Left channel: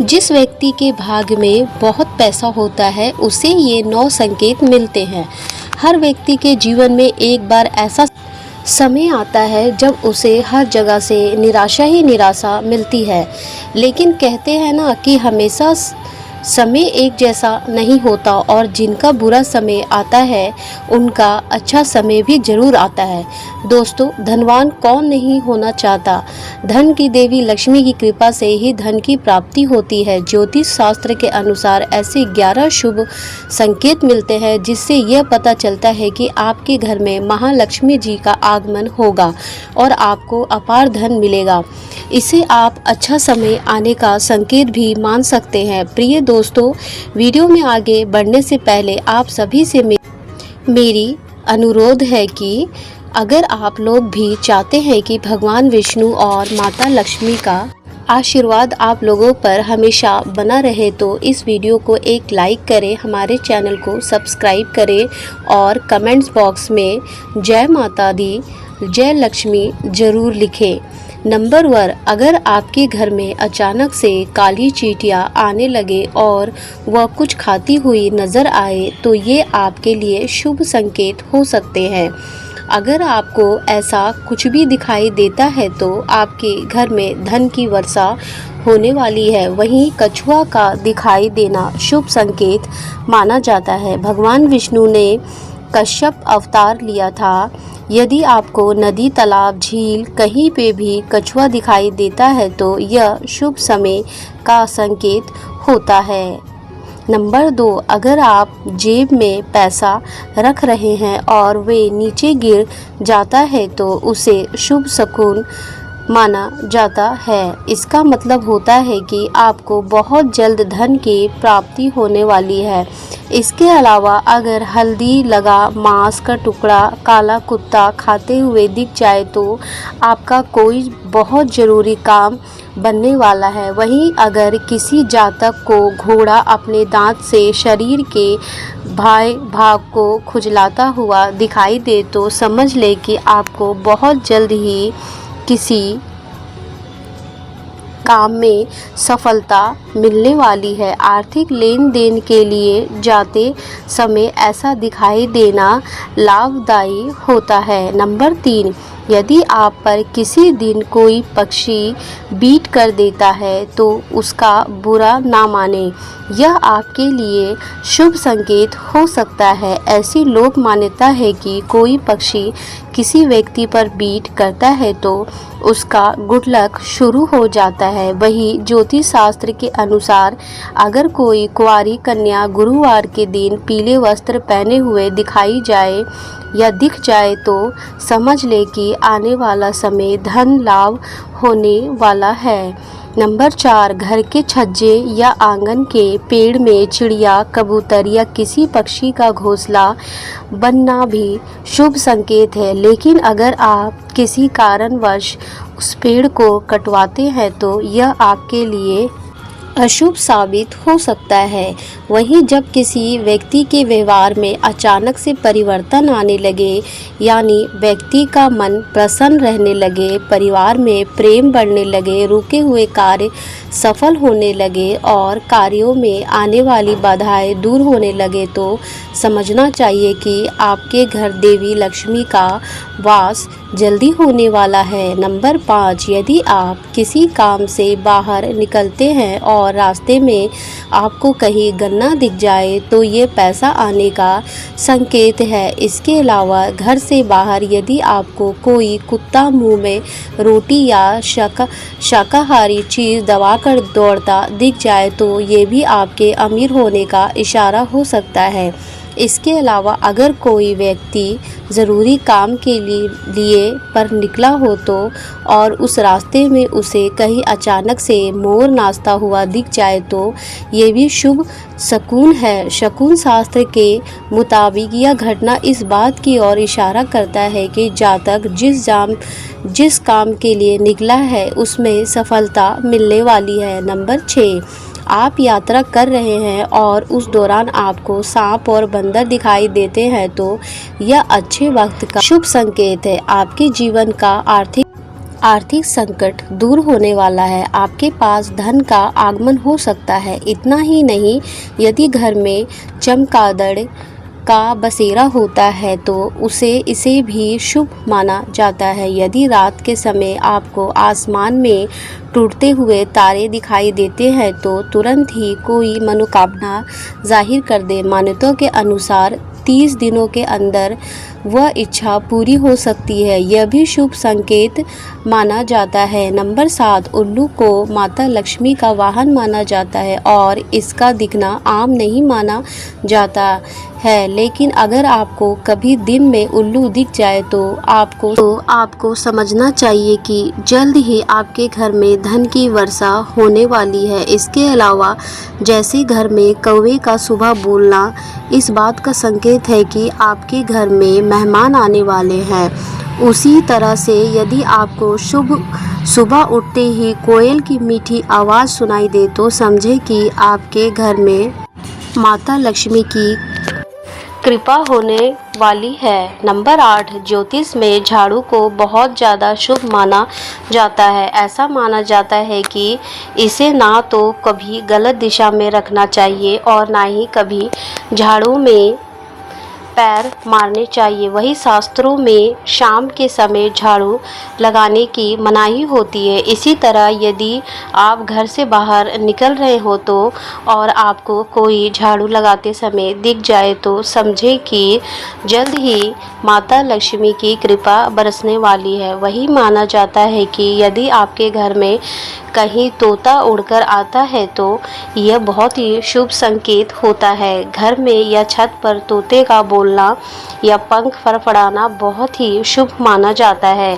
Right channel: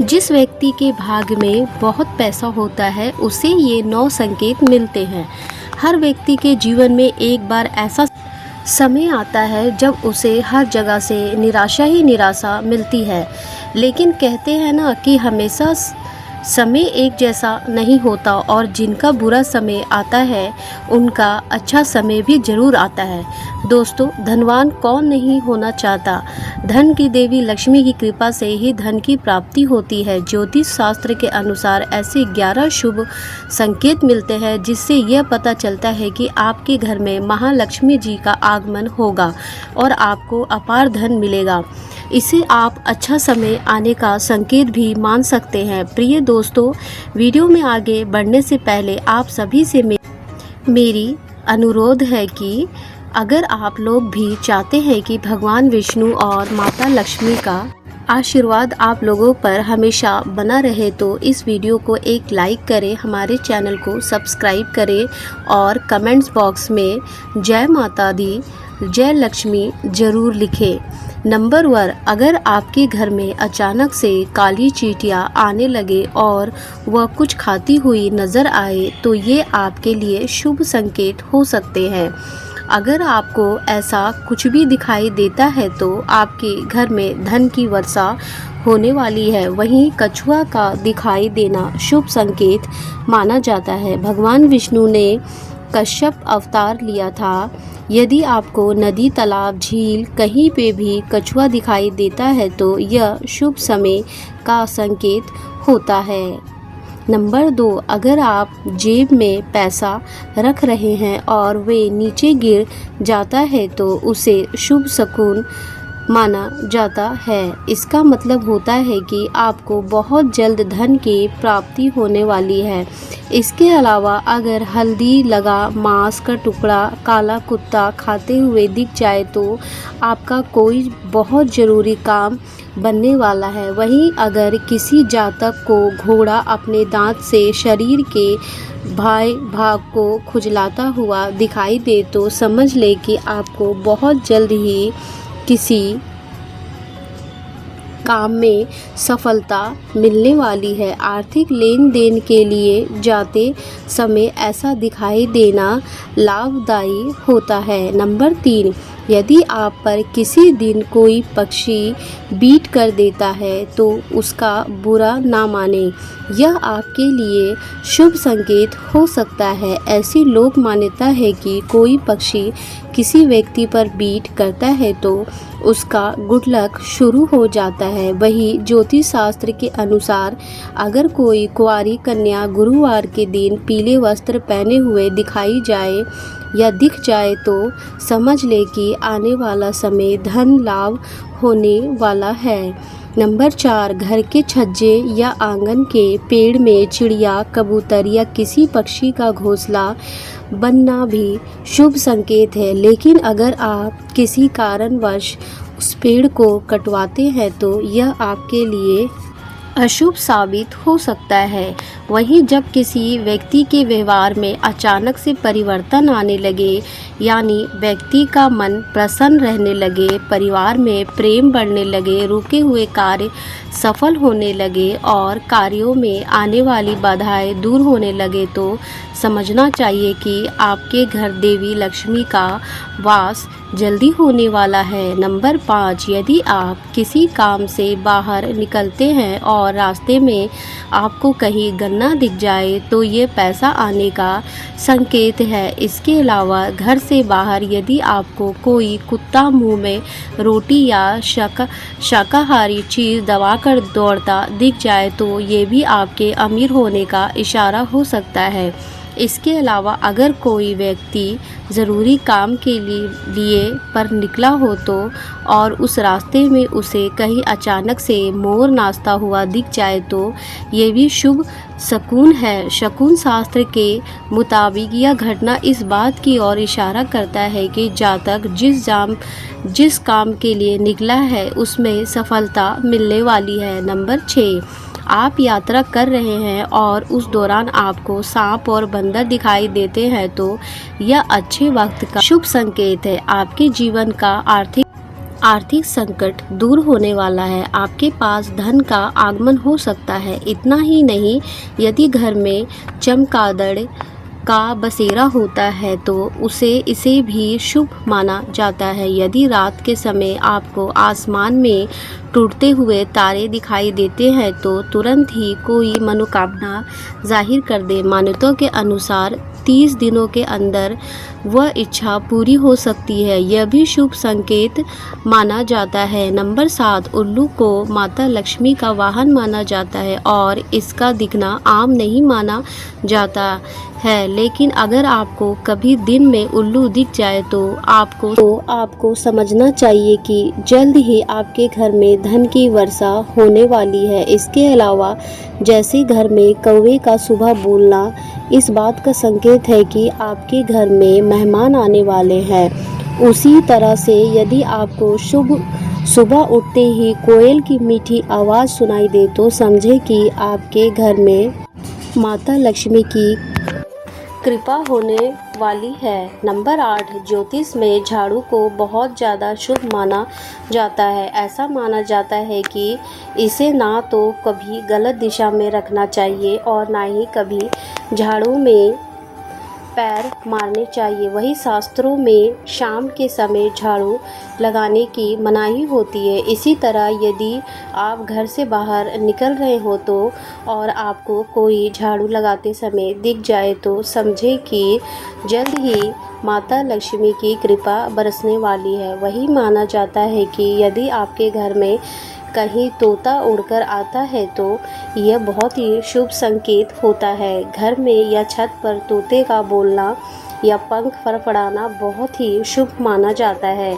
जिस व्यक्ति के भाग्य में बहुत पैसा होता है उसे ये 9 संकेत मिलते हैं। हर व्यक्ति के जीवन में एक बार ऐसा समय आता है जब उसे हर जगह से निराशा ही निराशा मिलती है। लेकिन कहते हैं ना कि हमेशा समय एक जैसा नहीं होता और जिनका बुरा समय आता है उनका अच्छा समय भी जरूर आता है। दोस्तों, धनवान कौन नहीं होना चाहता। धन की देवी लक्ष्मी की कृपा से ही धन की प्राप्ति होती है। ज्योतिष शास्त्र के अनुसार ऐसे 11 शुभ संकेत मिलते हैं जिससे यह पता चलता है कि आपके घर में महालक्ष्मी जी का आगमन होगा और आपको अपार धन मिलेगा। इसे आप अच्छा समय आने का संकेत भी मान सकते हैं। प्रिय दोस्तों, वीडियो में आगे बढ़ने से पहले आप सभी से मेरी अनुरोध है कि अगर आप लोग भी चाहते हैं कि भगवान विष्णु और माता लक्ष्मी का आशीर्वाद आप लोगों पर हमेशा बना रहे तो इस वीडियो को एक लाइक करें, हमारे चैनल को सब्सक्राइब करें और कमेंट्स बॉक्स में जय माता दी, जय लक्ष्मी जरूर लिखें। नंबर 1, अगर आपके घर में अचानक से काली चींटियां आने लगे और वह कुछ खाती हुई नज़र आए तो ये आपके लिए शुभ संकेत हो सकते हैं। अगर आपको ऐसा कुछ भी दिखाई देता है तो आपके घर में धन की वर्षा होने वाली है। वहीं कछुआ का दिखाई देना शुभ संकेत माना जाता है। भगवान विष्णु ने कश्यप अवतार लिया था। यदि आपको नदी, तालाब, झील कहीं पे भी कछुआ दिखाई देता है तो यह शुभ समय का संकेत होता है। नंबर 2, अगर आप जेब में पैसा रख रहे हैं और वे नीचे गिर जाता है तो उसे शुभ शकुन माना जाता है। इसका मतलब होता है कि आपको बहुत जल्द धन की प्राप्ति होने वाली है। इसके अलावा अगर हल्दी लगा मांस का टुकड़ा काला कुत्ता खाते हुए दिख जाए तो आपका कोई बहुत ज़रूरी काम बनने वाला है। वहीं अगर किसी जातक को घोड़ा अपने दांत से शरीर के भाग को खुजलाता हुआ दिखाई दे तो समझ ले कि आपको बहुत जल्द ही किसी काम में सफलता मिलने वाली है। आर्थिक लेन देन के लिए जाते समय ऐसा दिखाई देना लाभदायी होता है। नंबर 3, यदि आप पर किसी दिन कोई पक्षी बीट कर देता है तो उसका बुरा ना माने, यह आपके लिए शुभ संकेत हो सकता है। ऐसी लोक मान्यता है कि कोई पक्षी किसी व्यक्ति पर बीट करता है तो उसका गुड लक शुरू हो जाता है। वही ज्योतिष शास्त्र के अनुसार अगर कोई कुंवारी कन्या गुरुवार के दिन पीले वस्त्र पहने हुए दिखाई जाए या दिख जाए तो समझ ले कि आने वाला समय धन लाभ होने वाला है। नंबर 4, घर के छज्जे या आंगन के पेड़ में चिड़िया, कबूतर या किसी पक्षी का घोंसला बनना भी शुभ संकेत है। लेकिन अगर आप किसी कारणवश उस पेड़ को कटवाते हैं तो यह आपके लिए अशुभ साबित हो सकता है। वहीं जब किसी व्यक्ति के व्यवहार में अचानक से परिवर्तन आने लगे, यानी व्यक्ति का मन प्रसन्न रहने लगे, परिवार में प्रेम बढ़ने लगे, रुके हुए कार्य सफल होने लगे और कार्यों में आने वाली बाधाएं दूर होने लगे तो समझना चाहिए कि आपके घर देवी लक्ष्मी का वास जल्दी होने वाला है। नंबर 5, यदि आप किसी काम से बाहर निकलते हैं और रास्ते में आपको कहीं गन्ना दिख जाए तो ये पैसा आने का संकेत है। इसके अलावा घर से बाहर यदि आपको कोई कुत्ता मुंह में रोटी या शाकाहारी चीज़ दबाकर दौड़ता दिख जाए तो ये भी आपके अमीर होने का इशारा हो सकता है। इसके अलावा अगर कोई व्यक्ति ज़रूरी काम के लिए पर निकला हो तो और उस रास्ते में उसे कहीं अचानक से मोर नाचता हुआ दिख जाए तो ये भी शुभ शकुन है। शकुन शास्त्र के मुताबिक यह घटना इस बात की ओर इशारा करता है कि जातक जिस काम के लिए निकला है उसमें सफलता मिलने वाली है। नंबर 6, आप यात्रा कर रहे हैं और उस दौरान आपको सांप और बंदर दिखाई देते हैं तो यह अच्छे वक्त का शुभ संकेत है। आपके जीवन का आर्थिक आर्थिक संकट दूर होने वाला है। आपके पास धन का आगमन हो सकता है। इतना ही नहीं, यदि घर में चमगादड़ का बसेरा होता है तो इसे भी शुभ माना जाता है। यदि रात के समय आपको आसमान में टूटते हुए तारे दिखाई देते हैं तो तुरंत ही कोई मनोकामना जाहिर कर दे। मान्यताओं के अनुसार 30 दिनों के अंदर वह इच्छा पूरी हो सकती है। यह भी शुभ संकेत माना जाता है। नंबर 7, उल्लू को माता लक्ष्मी का वाहन माना जाता है और इसका दिखना आम नहीं माना जाता है। लेकिन अगर आपको कभी दिन में उल्लू दिख जाए तो आपको समझना चाहिए कि जल्द ही आपके घर में धन की वर्षा होने वाली है। इसके अलावा जैसे घर में कौवे का सुबह बोलना इस बात का संकेत है कि आपके घर में मेहमान आने वाले हैं, उसी तरह से यदि आपको सुबह उठते ही कोयल की मीठी आवाज़ सुनाई दे तो समझे कि आपके घर में माता लक्ष्मी की कृपा होने वाली है। नंबर 8, ज्योतिष में झाड़ू को बहुत ज़्यादा शुभ माना जाता है। ऐसा माना जाता है कि इसे ना तो कभी गलत दिशा में रखना चाहिए और ना ही कभी झाड़ू में पैर मारने चाहिए। वही शास्त्रों में शाम के समय झाड़ू लगाने की मनाही होती है। इसी तरह यदि आप घर से बाहर निकल रहे हो तो और आपको कोई झाड़ू लगाते समय दिख जाए तो समझे कि जल्द ही माता लक्ष्मी की कृपा बरसने वाली है। वही माना जाता है कि यदि आपके घर में कहीं तोता उड़कर आता है तो यह बहुत ही शुभ संकेत होता है। घर में या छत पर तोते का बोलना या पंख फड़फड़ाना बहुत ही शुभ माना जाता है।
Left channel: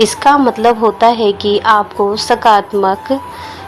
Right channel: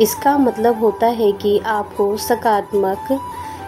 इसका मतलब होता है कि आपको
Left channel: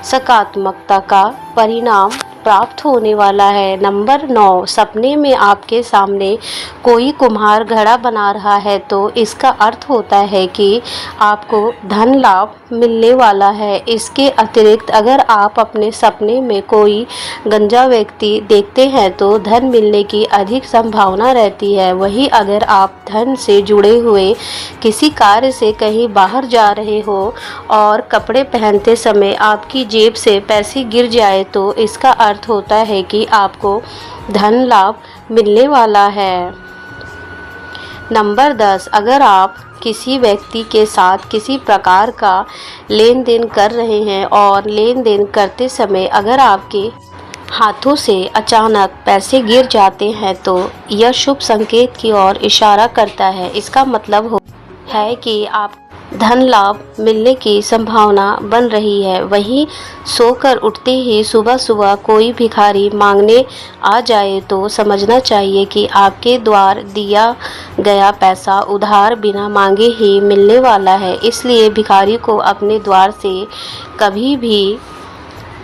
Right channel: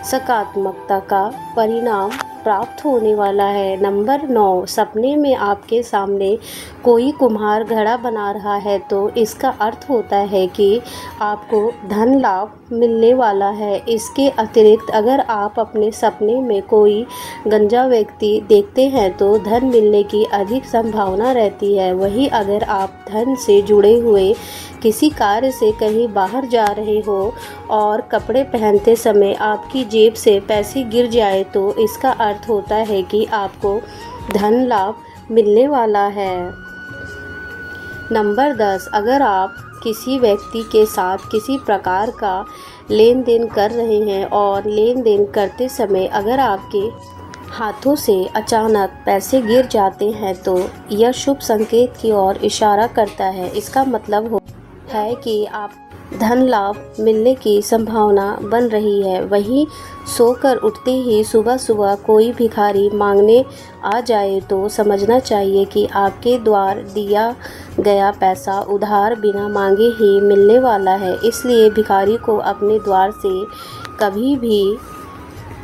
सकारात्मकता का परिणाम प्राप्त होने वाला है। नंबर 9, सपने में आपके सामने कोई कुम्हार घड़ा बना रहा है तो इसका अर्थ होता है कि आपको धन लाभ मिलने वाला है। इसके अतिरिक्त अगर आप अपने सपने में कोई गंजा व्यक्ति देखते हैं तो धन मिलने की अधिक संभावना रहती है। वहीं अगर आप धन से जुड़े हुए किसी कार्य से कहीं बाहर जा रहे हो और कपड़े पहनते समय आपकी जेब से पैसे गिर जाए तो इसका अर्थ होता है कि आपको धन लाभ मिलने वाला है। नंबर 10, अगर आप किसी व्यक्ति के साथ किसी प्रकार का लेन देन कर रहे हैं और लेन देन करते समय अगर आपके हाथों से अचानक पैसे गिर जाते हैं तो यह शुभ संकेत की ओर इशारा करता है। इसका मतलब है कि आप धन लाभ मिलने की संभावना बन रही है। वहीं सोकर उठते ही सुबह सुबह कोई भिखारी मांगने आ जाए तो समझना चाहिए कि आपके द्वार दिया गया पैसा उधार बिना मांगे ही मिलने वाला है। इसलिए भिखारी को अपने द्वार से कभी भी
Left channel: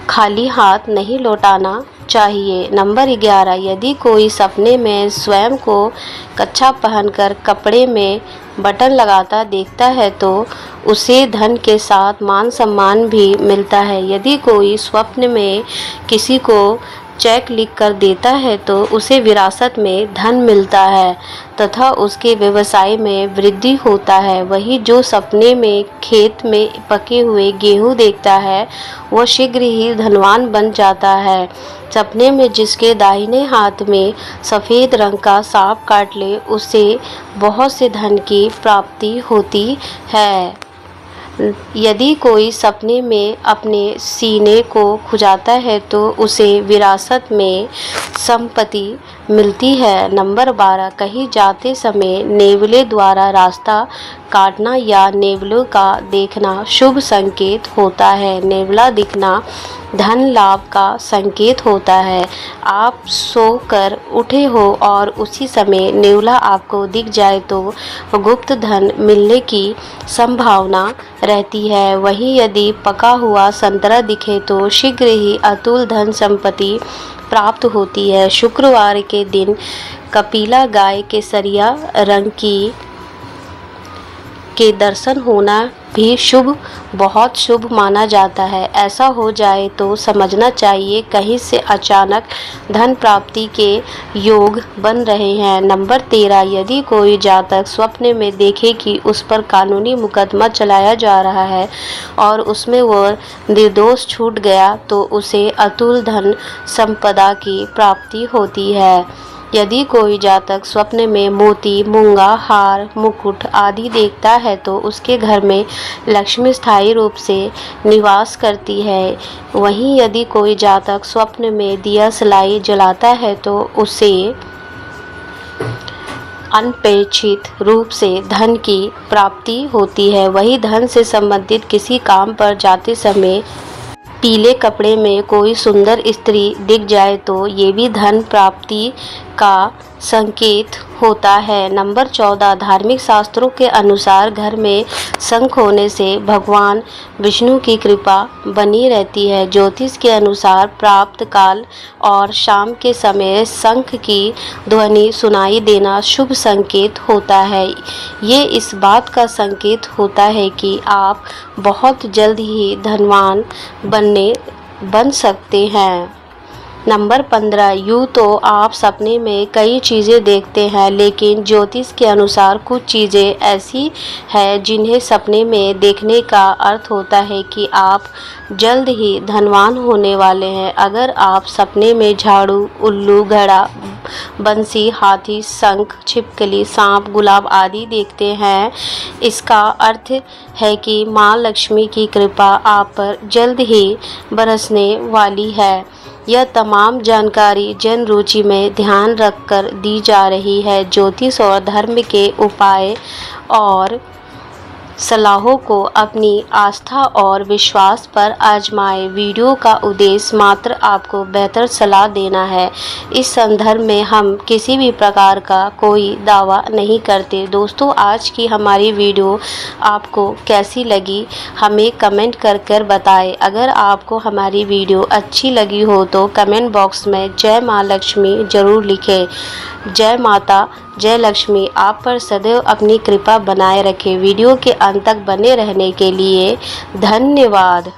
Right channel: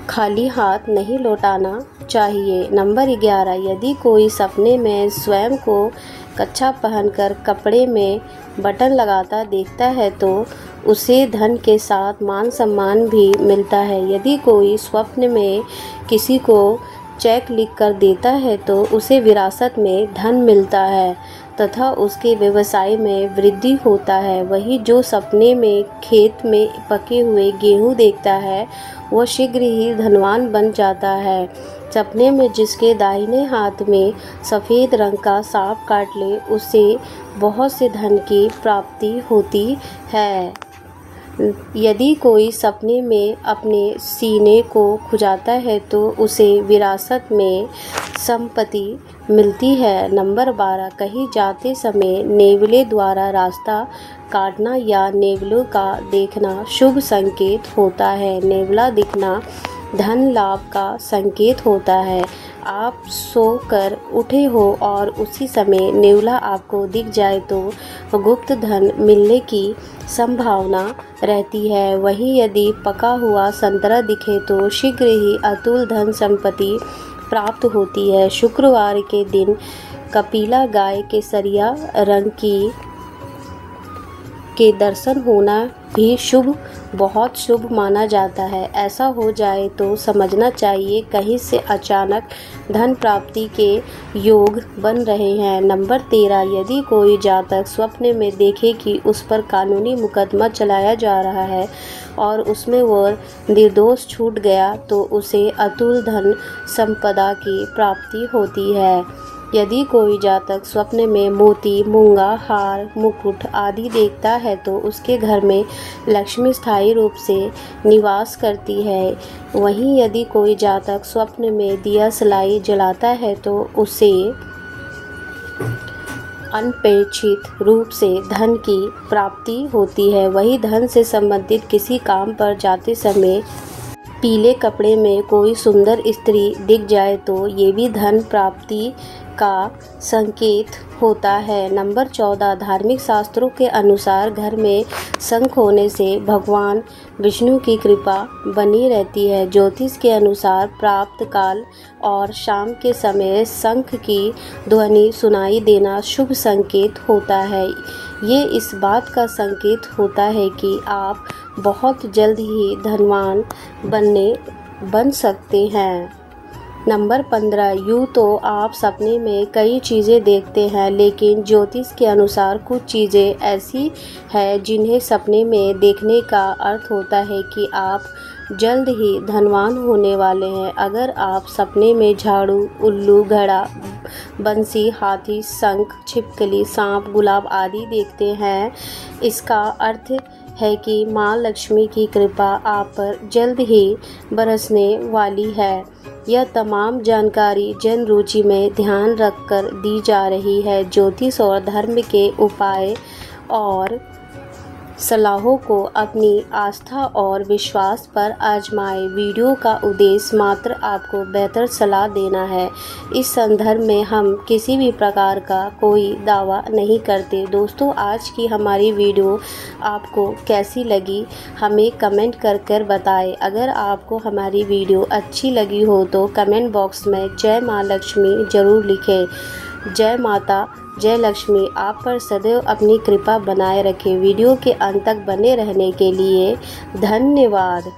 खाली हाथ नहीं लौटाना चाहिए। नंबर 11, यदि कोई सपने में स्वयं को कच्छा पहनकर कपड़े में बटन लगाता देखता है तो उसे धन के साथ मान सम्मान भी मिलता है। यदि कोई स्वप्न में किसी को चेक लिख कर देता है तो उसे विरासत में धन मिलता है तथा उसके व्यवसाय में वृद्धि होता है। वही जो सपने में खेत में पके हुए गेहूं देखता है वह शीघ्र ही धनवान बन जाता है। सपने में जिसके दाहिने हाथ में सफ़ेद रंग का सांप काट ले उसे बहुत से धन की प्राप्ति होती है। यदि कोई सपने में अपने सीने को खुजाता है तो उसे विरासत में संपत्ति मिलती है। नंबर 12, कहीं जाते समय नेवले द्वारा रास्ता काटना या नेवलों का देखना शुभ संकेत होता है। नेवला दिखना धन लाभ का संकेत होता है। आप सोकर उठे हो और उसी समय नेवला आपको दिख जाए तो गुप्त धन मिलने की संभावना रहती है। वहीं यदि पका हुआ संतरा दिखे तो शीघ्र ही अतुल धन संपत्ति प्राप्त होती है। शुक्रवार के दिन कपिला गाय केसरिया रंग की के दर्शन होना भी शुभ, बहुत शुभ माना जाता है। ऐसा हो जाए तो समझना चाहिए कहीं से अचानक धन प्राप्ति के योग बन रहे हैं। नंबर 13, यदि कोई जातक स्वप्न में देखे कि उस पर कानूनी मुकदमा चलाया जा रहा है और उसमें वह निर्दोष छूट गया तो उसे अतुल धन संपदा की प्राप्ति होती है। यदि कोई जातक स्वप्न में मोती, मूंगा, हार, मुकुट आदि देखता है तो उसके घर में लक्ष्मी स्थायी रूप से निवास करती है। वहीं यदि कोई जातक स्वप्न में दिया सलाई जलाता है तो उसे अनपेक्षित रूप से धन की प्राप्ति होती है। वही धन से संबंधित किसी काम पर जाते समय पीले कपड़े में कोई सुंदर स्त्री दिख जाए तो ये भी धन प्राप्ति का संकेत होता है। नंबर 14, धार्मिक शास्त्रों के अनुसार घर में शंख होने से भगवान विष्णु की कृपा बनी रहती है। ज्योतिष के अनुसार प्राप्त काल और शाम के समय शंख की ध्वनि सुनाई देना शुभ संकेत होता है। ये इस बात का संकेत होता है कि आप बहुत जल्द ही धनवान बन सकते हैं। नंबर 15, यूँ तो आप सपने में कई चीज़ें देखते हैं, लेकिन ज्योतिष के अनुसार कुछ चीज़ें ऐसी हैं जिन्हें सपने में देखने का अर्थ होता है कि आप जल्द ही धनवान होने वाले हैं। अगर आप सपने में झाड़ू, उल्लू, घड़ा, बंसी, हाथी, शंख, छिपकली, सांप, गुलाब आदि देखते हैं, इसका अर्थ है कि माँ लक्ष्मी की कृपा आप पर जल्द ही बरसने वाली है। यह तमाम जानकारी जन रुचि में ध्यान रखकर दी जा रही है। ज्योतिष और धर्म के उपाय और सलाहों को अपनी आस्था और विश्वास पर आजमाएं। वीडियो का उद्देश्य मात्र आपको बेहतर सलाह देना है। इस संदर्भ में हम किसी भी प्रकार का कोई दावा नहीं करते। दोस्तों, आज की हमारी वीडियो आपको कैसी लगी हमें कमेंट कर बताएं। अगर आपको हमारी वीडियो अच्छी लगी हो तो कमेंट बॉक्स में जय माँ लक्ष्मी ज़रूर लिखें। जय माता, जय लक्ष्मी आप पर सदैव अपनी कृपा बनाए रखे। वीडियो के अंत तक बने रहने के लिए धन्यवाद।